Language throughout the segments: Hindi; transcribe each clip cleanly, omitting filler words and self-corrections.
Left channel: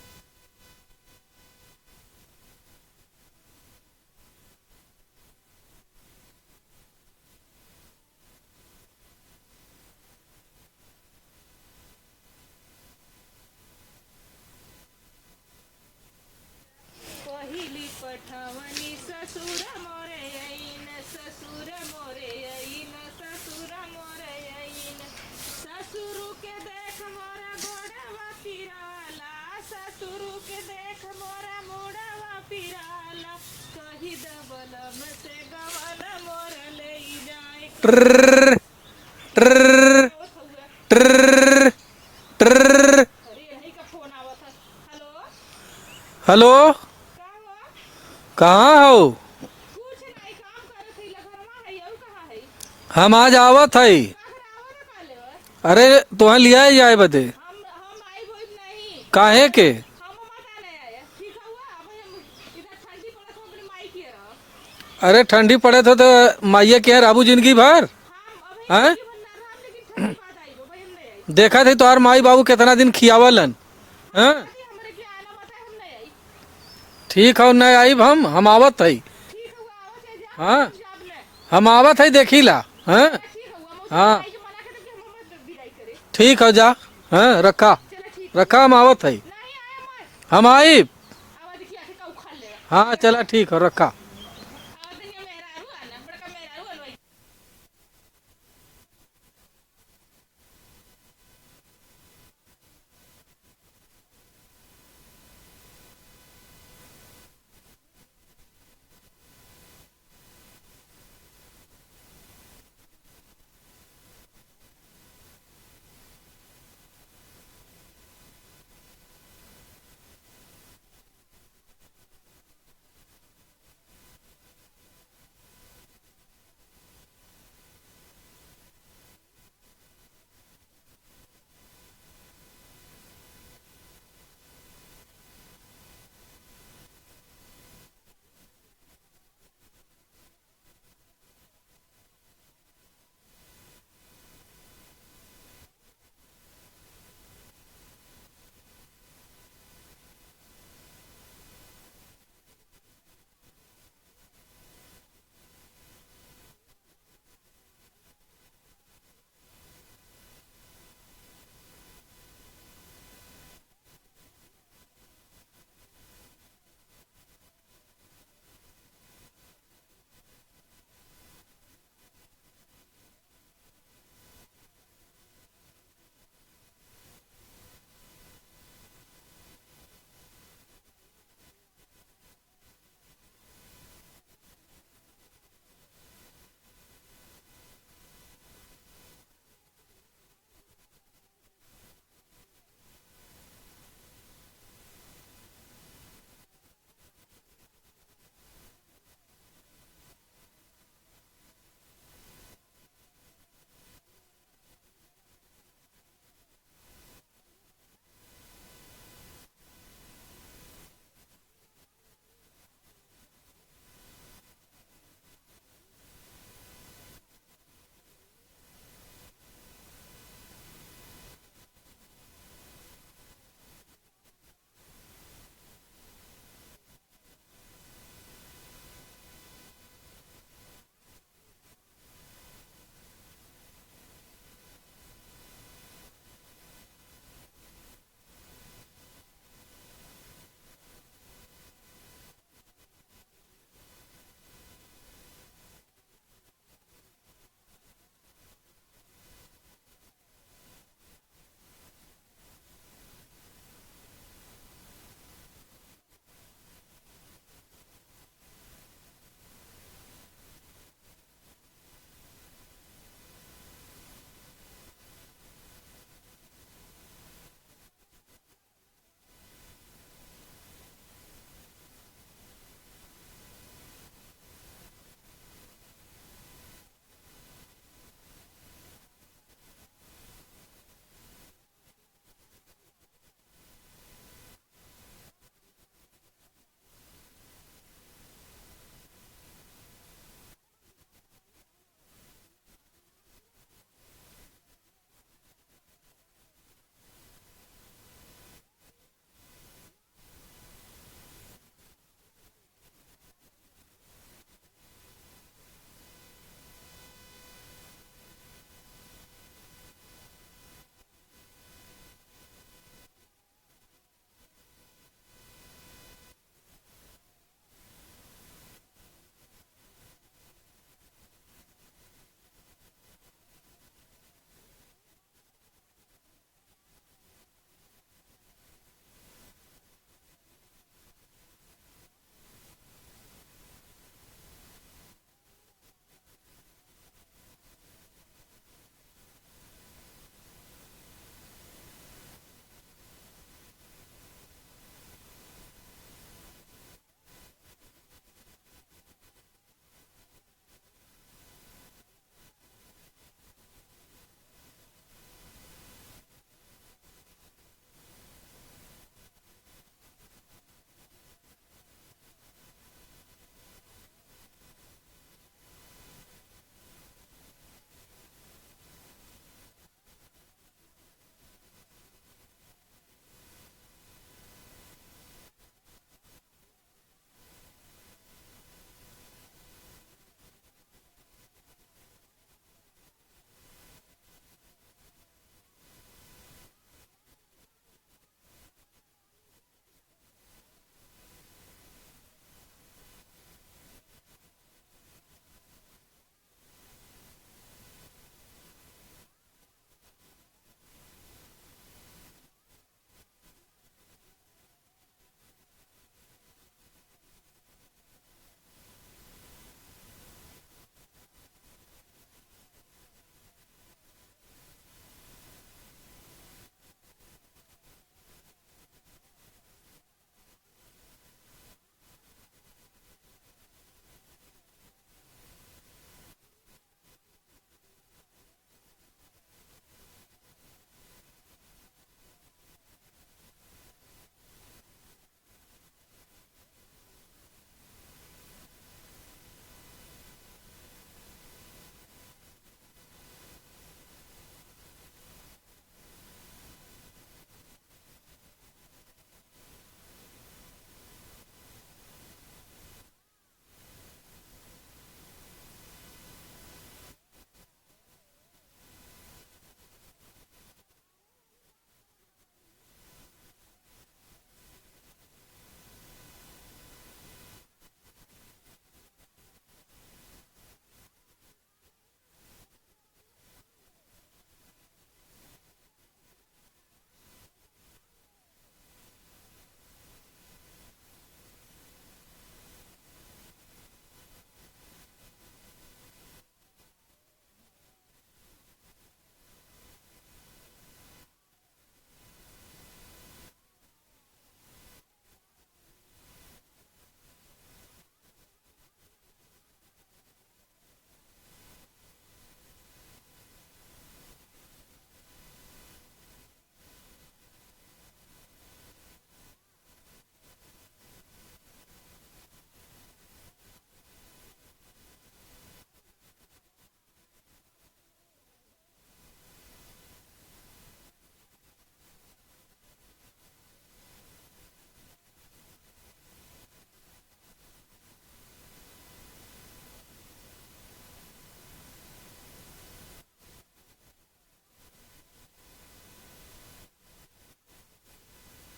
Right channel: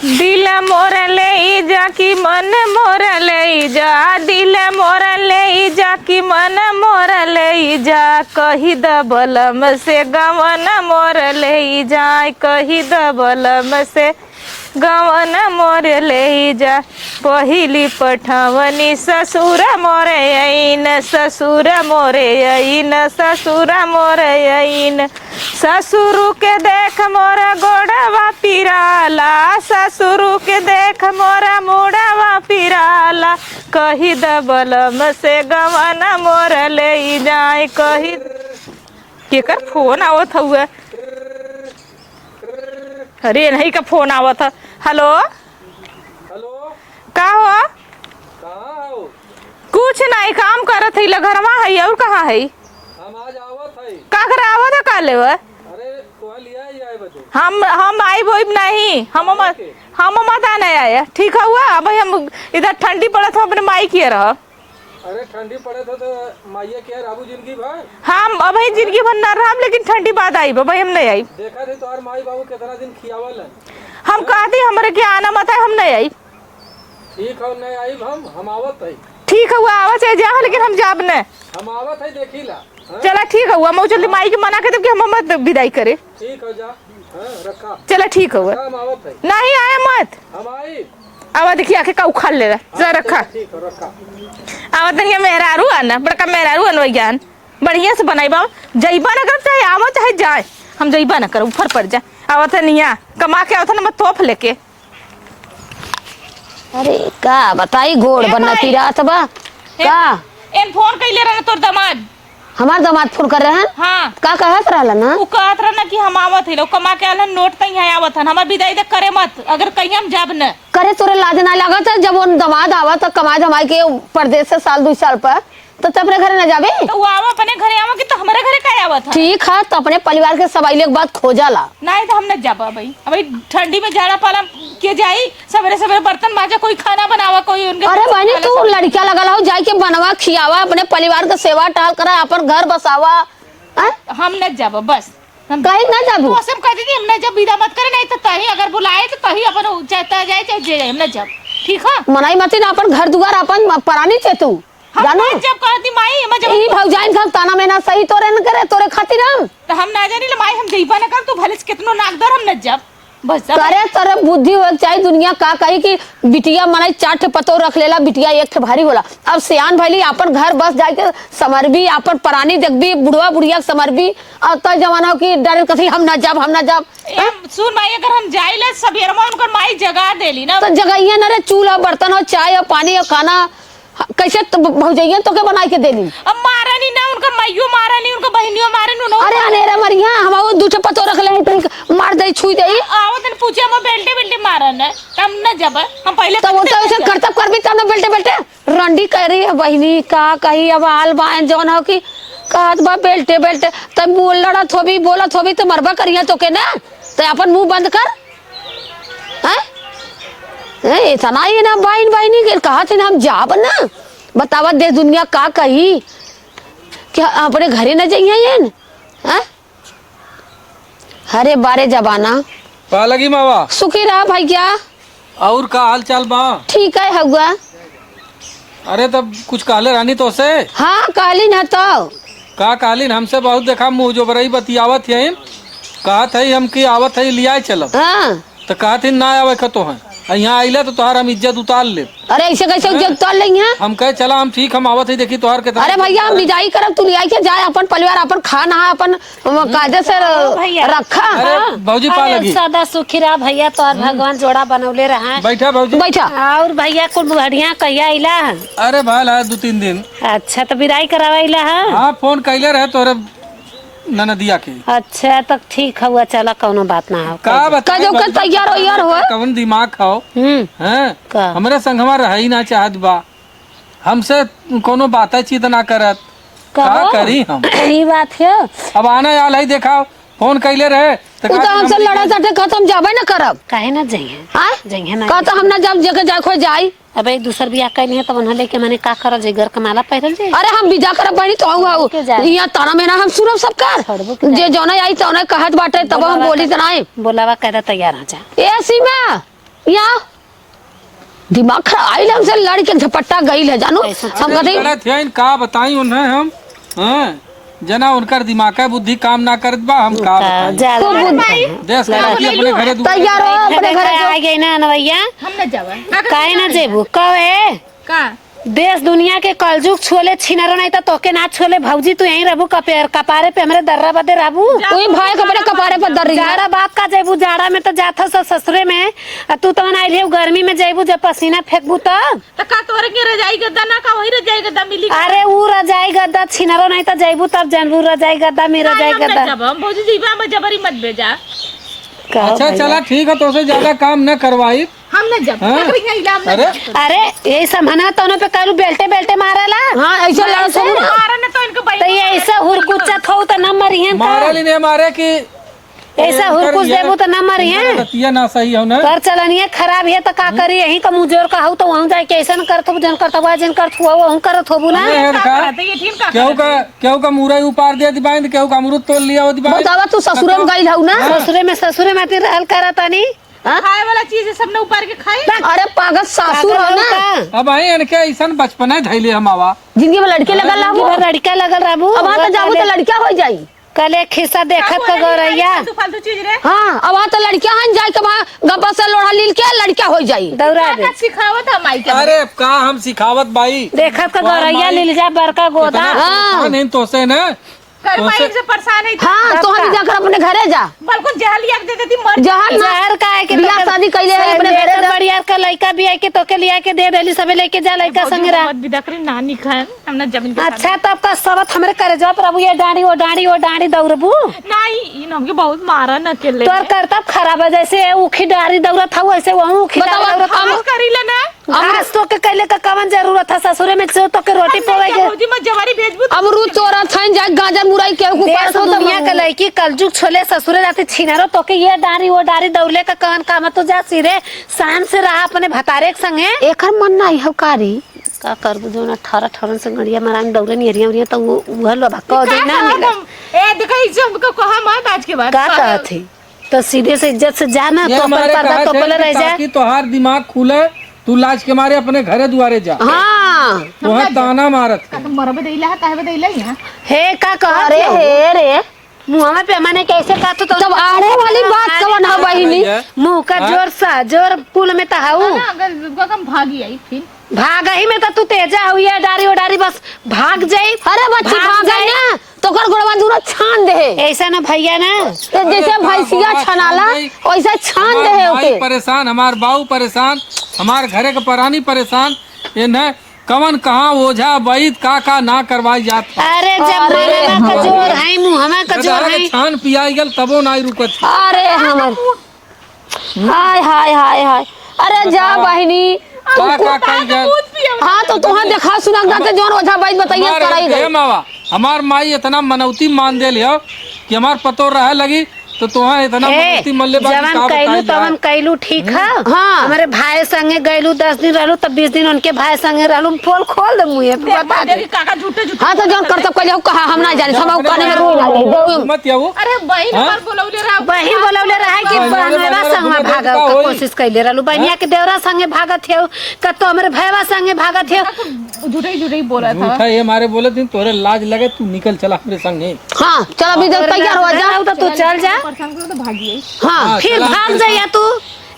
दिल मोर ले जा कि मन मोर ले जा, दिल मोर ले जा कि मन मोर ले जा, कही द बलम से गवन मोर ले जाए, कही द बलम से गवन मोर ले जा। पहिली पठवनी ससुर मोरे अइन, ससुर मोरे अइन, ससुर मोरे अइन, ससुरु के देख मोर गोड़वा पिराला, ससुरु के देख मोरा मुड़वा पिराला, कही द बलम से गवन मोर ले जाए। कितना फोन आवत हुआ? अरे नहीं का फोन आवत है। हेलो हेलो, का हो? कहाँ हो? कुछ नहीं, काम करत है, घरवा है और कहाँ है? हम आज आवत है। का करे आवत है? का लेवा? अरे तुम्हें लिया जाए बते। हम आई बोई नहीं। काहे के? हम मत नहीं आया। ठीक है हुआ। अब हम इधर ठंडी पड़त हो, अपने माई किए रह। अरे ठंडी पड़े तो माइया के राबू जिंदगी भर। हम अब जिंदगी भर न रहा, लेकिन ठंडी बाद आई भाई, हम नहीं आई। देखा थे तुम्हार माई बाबू कितना दिन खियावलन। हम कहती हमारे के आना मत है, हम नहीं आई। ठीक है, नहीं आई हम आवत है। ठीक है हुआ, आवाज है जा, लेकिन हम जाब न। हम आवत है, देखी ला। चला ठीक है हुआ, मैं जल्दी माई के मना के तब हम मत विदाई करे। ठीक है, जा रखा। चला ठीक है, रखा, हम आवत है। नहीं आया मत। हम आई। आवा देखिए आके का उखाड़ ले रहा। रखा ठीक है, रखा। आवा तनिया मेहरारू आना, बड़का मेहरारू अनवैज्ञान बढ़िया से बनाई बा। जइबा न कर, चाहे आवा चाहे जाए, हम जइबा न कर, ऊपर पड़ जा। आवा तनिया कमा के आवत न, मत तोप लेके। अरे का बताई, गोड़ बनना रात बा का? इन फोन कैले रहे तोर दामाद? हमार दामाद फोन कर रहे हैं। हाँ, का कहत रहला ना? वो कहत रहा ना कि हम आवत है, लोग कमा के आलन, नोट तई है आवत हन, हमार विदाई दे करे मत, अगर कहीं हम जाब न करे। तोरे लाज ना लागत है जब वो दामाद आवा तो कमाई धमाई के परदेश से साल 2 साल पर, तो अपने घरे न जाबे? तो वो आवा अपने घरे आवा कि तो हमारे घरे का आवत है? ठीक है, तो अपने परिवार के सवाइले के बाद खोजाला। नहीं तो हम न जाबा भाई। अबे ठंडी में झाड़ा पाला के जाई, सवेरे सवेरे बर्तन माजा, कोई खाना बनावा, कोई उनके। अरे बहनी, तू लड़किया लगल हो, जाके बनवा खियावा, अपने परिवार के सेवा टहल करा, अपन घर बसावा। हम न जाबा बस। हम कहीं ना जाबू? मौसम कहती थी हम न जब विदा मत करे, नहीं तो तही अगर बुलाए तो तही अपन चाहता जाए चाहे जे, हम न जाब। ठीक है, मनाई मती ना, अपन घर दुआर अपन परानी चे तू जानो। जब कहती माई हम जब ई भौजाइन का ताना मेना सही तोरे न करे, तोरे खातिर हम तो हम ना जानी ले माई, हम जइबा न कर, तू भले कितनो नाकदर, हम न जाब बस। करे तोरे बुद्धि हो चाहिए। दुनिया का कही कि बिटिया मनाई 4 पतो रख लेला, बिटिया 1 भारी होला। अब सियान भैली अपन घर बस जाके समरबी, अपन परानी देखबी, बुढ़वा बुढ़िया समरबी। अब तो जमाना की डर कथी हम ना जाब, हम ना जाब। सुन माई, अगर हम जाइले सबेर में उनकर माई जगा देली ना, तो जगहिया न रे, चूल्हा बर्तन हो, चाय और पानी और खाना कैसे तो भौजैया तो के बनाई के देली? अब मारनी ना, उनका माइयो मारनी, उनका बहनियो मारनी। अरे अनेरा मरिया, हम वो 2 पतो रख ले, तो मार दे, छुई दे। आवत न पूछे हम बेल्टे बेल्टे मारन है, हम न जब हम पहले तो वो तो ऐसे करतब करबी तब न बेल्टे बेल्टे रंडी कह रही है बहनी का कही। अब आल बान जौन हो कि कहत बा बेल्टे बेल्टे, तब बोल लड़त होबी, बोलत होबी तो मरबा करिया तो के ना, तो अपन मुंह बंद कर। हैं इतना ही ना बहन बहनी के कहा थे ना हम जाब ना, बतावा दे दुनिया का कही कि अपने घरे न जाइए हैं? हरे बारे जबाना पा लगी मावा। सुखी रहा भैया। और का हाल चाल बा? ठीक है हुआ। अरे तब कुछ कहले रानी तो से? हाँ कहली ना, तो का कहली? हमसे बहुत देखा मुँह जो बरई बतियावत है, कहत है हम की आवत है लिया चलब। हाँ तो कहत है ना आवे तो है, यहाँ आइला तो तोहार हम इज्जत उतार ले। अरे ऐसे कैसे इज्जत उतार लेंगे? हम कहे चला, हम ठीक, हम आवत है, देखी तोहार के। अरे भैया हम विदाई करब, तू लिया के जाए, अपन परिवार अपन खाना है, अपन कायदे से रखा। अरे भौजी पा लगी। सदा सुखी रहा भैया, तो भगवान जोड़ा बनौले रहा। बैठा भौजी, बैठा। और भैया कुल बढ़िया कहिया आइला? अरे भाल है 2-3 दिन। अच्छा, तो विदाई करावाइला है? हाँ, फोन कैले रहे तोरे ननदिया के। अच्छा, तब ठीक हुआ, चला कौनो बात ना हो। का बता जो कर तैयार हो यार हो। कवन दिमाग खाओ हैं? का? हमरे संगवा रह ही ना चाहत बा, हमसे कोनो बातचीत ना करत, का करी हम? ये बात है। अब आना आल है, देखा फोन कैले रहे तो हमसे लड़ा सटे खत्म जाबे न करब। काहे ना जाइए? जाइए ना। का तो हम ना जब जगह जाए खो जाई। अब एक दूसर बियाह कैली है, तब उन्हें लेके मैंने का करल जे, घर कमाला पहिरल जे। अरे हम विदा करब बनी तो आऊ यहाँ ताना में ना हम सुनब सब कर, जे जौना आई तौना कहत बाटे, तब हम बोली तना बोलावा कहदा तैयार हो जा। ए सीमा यहाँ दिमाग खराब आई हमसे लड़के झपट्टा गई है जानू हम कहते गलत है का बताई उन्हें हम हाँ जना उनकर दिमाग का बुद्धि काम ना करत बा हम का बताई देश का अपने घरे तैयार हो अपने घरे आ गई ना नवैया हम न जावा काहे ना जेबू कहे का देश दुनिया के कलजुग छोले छिनरो नहीं तो तोके ना छोले भौजी तू यहीं रहबू कपारे पे हमरे दर्रा बदे रहबू कोई भाई के अपने कपारे पर दर्री जाड़ा बात का जेबू जाड़ा में तो जाथा सब ससुरे में तू तो आई रही गर्मी में जेबू जब पसीना फेंकबू तब त का तोरे के रजाई गद्दा ना का वही रजाई गद्दा मिली अरे ऊ रजाई गद्दा छिनरो नहीं तो जेबू तब जानबू रजाई गद्दा में रजाई गद्दा जब हम भौजी जीवा में जबरी मत भेजा कहो अच्छा भैया। चला ठीक है तो से ज्यादा काम न करवाई हम न जब हाँ? अरे अरे ये समझना तो पे कहलू बेल्टे बेल्टे मारला हाँ ऐसे लड़ सब मारा न तो इनको तो ये ऐसा हुरकुचत हो तो न मरियन मारे ली नहीं मारे कि ऐसा हुरकुच देबू तो न मरियन रतिया ना सही हो ना कर चलनिया खराब है तो का करी यही का मुंह जोर का हो तो वहां जाके ऐसा न करत हो जन करत हो जन करत हो वहां करत होबू ना नहीं है का ये ठीक का केहू का मुरई उपार दे दी बाइंद केहू का अमरूद तोड़ लिया हो दी बाइंद बतावा तू ससुरे में गई हऊ ना ससुरे में ती रहल करत आनी खाए वाला चीज है सब ने ऊपर के खाए अरे पागल सासुर हो ना अब आई इनके ऐसा बचपन धैले हम आवा जिंदगी में लड़के लगल लाबो लड़का लगल राबू अब वहाँ तो जाबू तो लड़का हो जाई कल एक खिस्सा देखत का गौरैया तू फालतू चीज रे हाँ अब वहाँ तो लड़कियां हन जाए के वहाँ गप्पा से लोढ़ा लील के लड़का हो जाई दौड़ा दे का सिखावत हम आई के अरे का हम सिखावत भाई देखत का गौरैया लील जा बड़का गोदा हाँ। नहीं तो से ना कर माई से परेशान है हाँ तो हम जाकर अपने घरे जा बल्कि जहलिया दे देती मर जहाँ ना जहर का है कि बियाह शादी कैले है अपने घरे जा बढ़िया का लड़का भी है कि तोके लिया के दे देली सबे लेके जा लड़का संग रह मत बिदकरी नानी खान हमने जमीन के अच्छा तब का सबत हमरे करे जा प्रभु ये डांडी दौड़बू नहीं इन हमके बहुत मारा न अकेले तोर करतब खराब है जैसे उखी डारी दौड़त था वैसे वहू उखी बतावा, दौड़त हम करी लेना आज तो के कैले का कवन जरूरत था ससुरे में से तो के रोटी पवेगे भौजी मत जवारी भेजबू अमरूद चोरा छन जाए गाजर मुरई के ऊपर देश दुनिया के लड़की कलजुग छोले ससुरे जाती छिनारो तो के ये डारी वो डारी दौड़ले का कवन काम तो जा सिरे शान से रहा अपने भतारे के संगे एकर मन नहीं है कारी का करबू जो ना 18 से गड़िया मारांग दौड़े निहरिया तो वो लो भक्का हो जाए ना मिला ए देखा इज्जत हमको कहा मत आज के बाद का कहत है तो सीधे से इज्जत से जाना ये तो हमारे पर्दा तो पहले रह जाए ताकि तोहार दिमाग खुले तू लाज के मारे अपने घरे दुआरे जा हाँ वहाँ ताना मारत है। तुम मर बदैला है काहे बदैला है हे का कहत अरे हे रे मुँह पे मैंने कैसे कहा तो तब आड़े वाली बात कवन है बहिनी मुँह का जोर सा जोर पुल में तहाऊ ना अगर हम भागी आई फिर भाग ही में तो तू तेजा हुई है डारी उडारी बस भाग जाई अरे बच्ची भाग गई ना तो कर गोड़वा दूर छान दे ऐसा ना भैया ना तो जैसे भैंसिया छनाला वैसे छान दे है भाई ओके परेशान हमार बाऊ परेशान हमार घरे के परानी परेशान ये न कवन कहाँ ओझा वैद का ना करवाई जात अरे जब मारा का जोर है मुँह हमें का जोर है छान पियाई गल तबो ना रुकत अरे हमर हाय हाय हाय हाय अरे जा बहिनी का कल गल हाँ तो तुहाँ देखा सुना जाते जौन ओझा वैद बताइए कराई गई मावा हमार माई इतना मनौती मान दे लियो कि हमार पतो रहे लगी तो तुहा इतना मनौती मल्ले जवन कैलू तवन कैलू ठीक है हाँ। हमारे भाई संगे गैलू 10 दिन रहलू तब 20 दिन उनके भाई संगे रहलू पोल खोल दे मुँह पे बता दे काका झूठे झूठे हाँ तो जौन करतब कैले हो कहा हम ना जाने हम कहने में रोई ना गई मत याऊ अरे बहन हमार बोलौले रहा बहिन बोलौले रहे कि बहनवा संगे भागा का कोशिश कैले रहलू बहनिया के देवरा संगे भागत थे का तो हमारे भैया संगे भागत थे झूठे ही बोला था झूठा ये हमारे बोले थे तोरे लाज लगे तू निकल चला मेरे संगे हाँ चल अभी जब तैयार हो जा तो तू चल जा परेशान करो तो भागी आई हाँ फिर भाग जाइया तू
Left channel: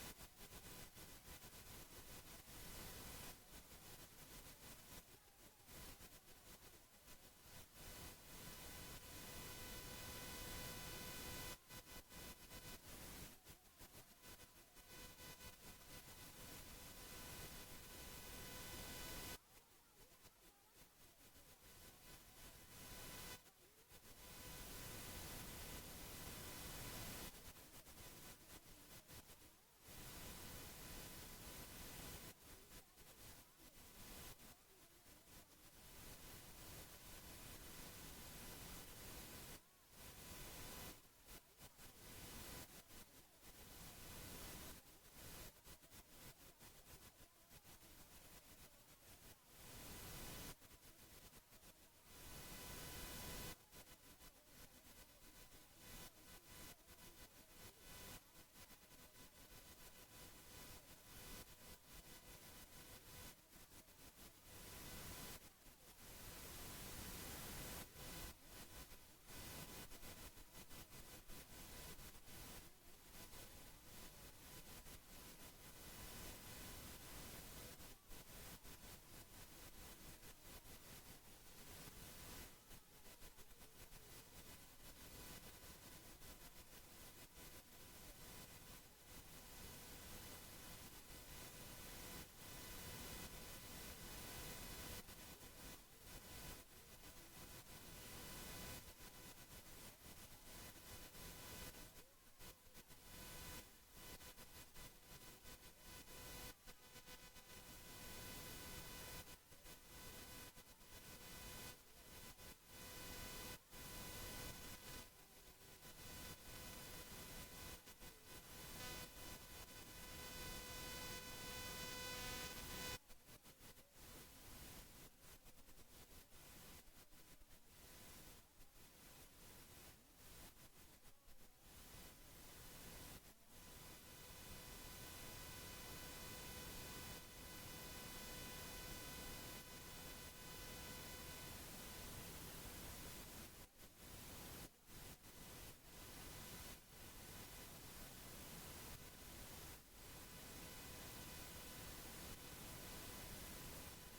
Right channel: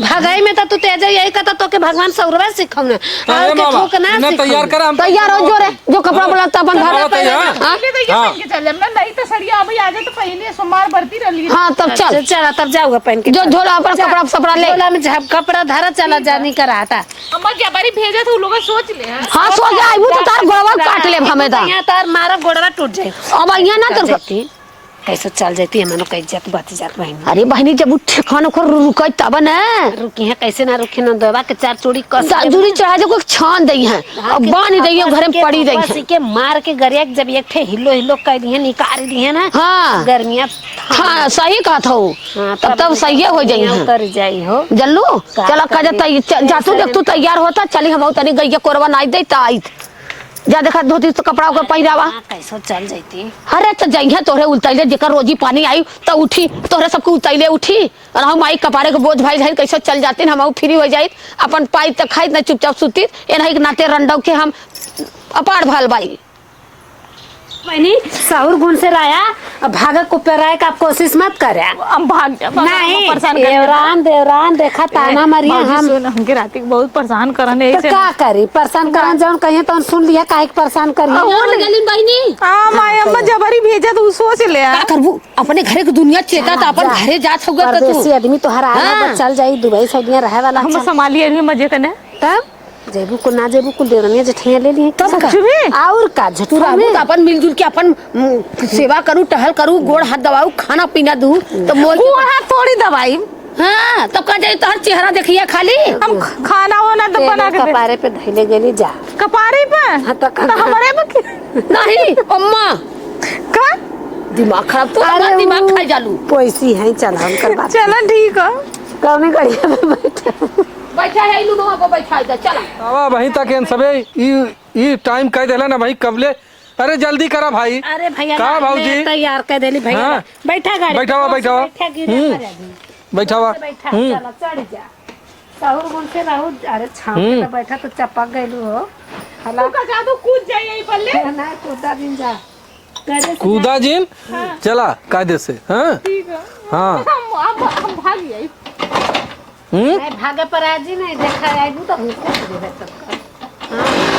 भागाई में तो तू तेज यही कहता तो के भगवान सौरवा सिखाऊंगा और के ठोक ना तैयार कर हम तैयार हो जो रे जो कपड़ा बोला अपन हाँ, घर तैयार। हाँ पहले तो ये पहन के चल जाना नहीं तो सड़िया अभी आ जाए तो पहले सोमवार भरती रही हाँ तब चल चला तब जाऊंगा पहन के जो झोला पर कपड़ा सपड़ा ले झोला में झप कपड़ा धरा चला जानी का रहा था अम्मा जबारी भेजे तो लोग सोच ले हाँ सो जा आइबू तो तार गोड़वा काट ले हमें दा यहाँ तार मारा गोड़वा टूट जाए अब यहाँ ना तो जाती कैसे चल जाती है मनो कह जात बात जात बहन अरे बहनी जब ठिकाना को रुकै तब न रुकी है कैसे ना रुकी ना दबा के 4 चूड़ी कस दूरी चढ़ा जो कोई छान दई है अब बांध दई है घर में पड़ी रही है के मार के गरिया जब एक ठे हिलो कर दी है निकाल दी है ना हाँ गर्मियां हाँ सही कहा था वो तब सही हो जाई है उतर जाई हो जल्लू चला का जा तू देख तू तैयार होता चली हम तनी गई कोरवा नाच दे ता आई जा देखा धोती तो कपड़ा ओकर पहिरावा। कैसे चल जाती अरे तो जइहा तोहरे उतैले जेकर रोजी पानी आई तो उठी, तोहरे सबके उतैले उठी और हम आई कपारे के बोझ भाई रही कैसे चल जाती हम फ्री हो जाइत अपन पाई तक खाई न चुपचाप सुती एनाही के नाते रंडव के हम अपार भाल बाई। बहनी सहूर गुण से राया भागा को पेराए का आप कोशिश मत करे। हम भाग जा नहीं परेशान देवरान देखा ताना मारिया हम हमके रात के बहुत परेशान करने तो का करी परेशान करन जौन कहिए तो सुन लिया काहे के परेशान करी गलिन बहिनी हां माय अम्मा जबरी भेजा तो सोच ले का करबू अपने घरे के दुनिया चेता त अपन घरे जात होगा त परदेसी तू आदमी तो हर आला चल जाई दुबई सऊदीया रहे वाला हम संभालिए भी मजे करने तब जेबू को ना जेबू को देवरनिया जेठिया ले लिए तब का? सच में और का झटूरा हम में तो अपन मिलजुल के अपन सेवा करूं टहल करूं गोड़ हाथ दबाऊं खाना पीना दूं तो मोल के गोड़ हाथ थोड़ी दवाई हां तब का जाई तोहर चेहरा देखिया खाली हम खाना वाना तो बना के दे कपारे पे धइले गेली जा कपारे पे हाँ, तो हमारे पे नहीं अम्मा का दिमाग खराब तो हमारा दिमाग खा जालू। पैसी है चल हम कर बात चलो ठीक है कौन गड़िया में बैठे बैठा है लूनो अब बैठा है चला आवा वहीं तक इन सबे ई टाइम कह देला ना भाई कबले। अरे जल्दी करा भाई। अरे भैया का भाऊजी तैयार कर देली भैया हाँ। बैठा गाड़ी बैठावा बैठावा बैठावा बैठा चला चढ़ जा सहूर गुण से रहू अरे छाव पे बैठा तो चपक गइलू हो हला का जादू कूद जाइए बल्ले ना कूदा दिन जा करे कूदा जिन चला कायदे से। हाँ ठीक है हाँ हम भाग गए हम्म नहीं भागे पर आजी नहीं देखा आईबू तो हमको दे दे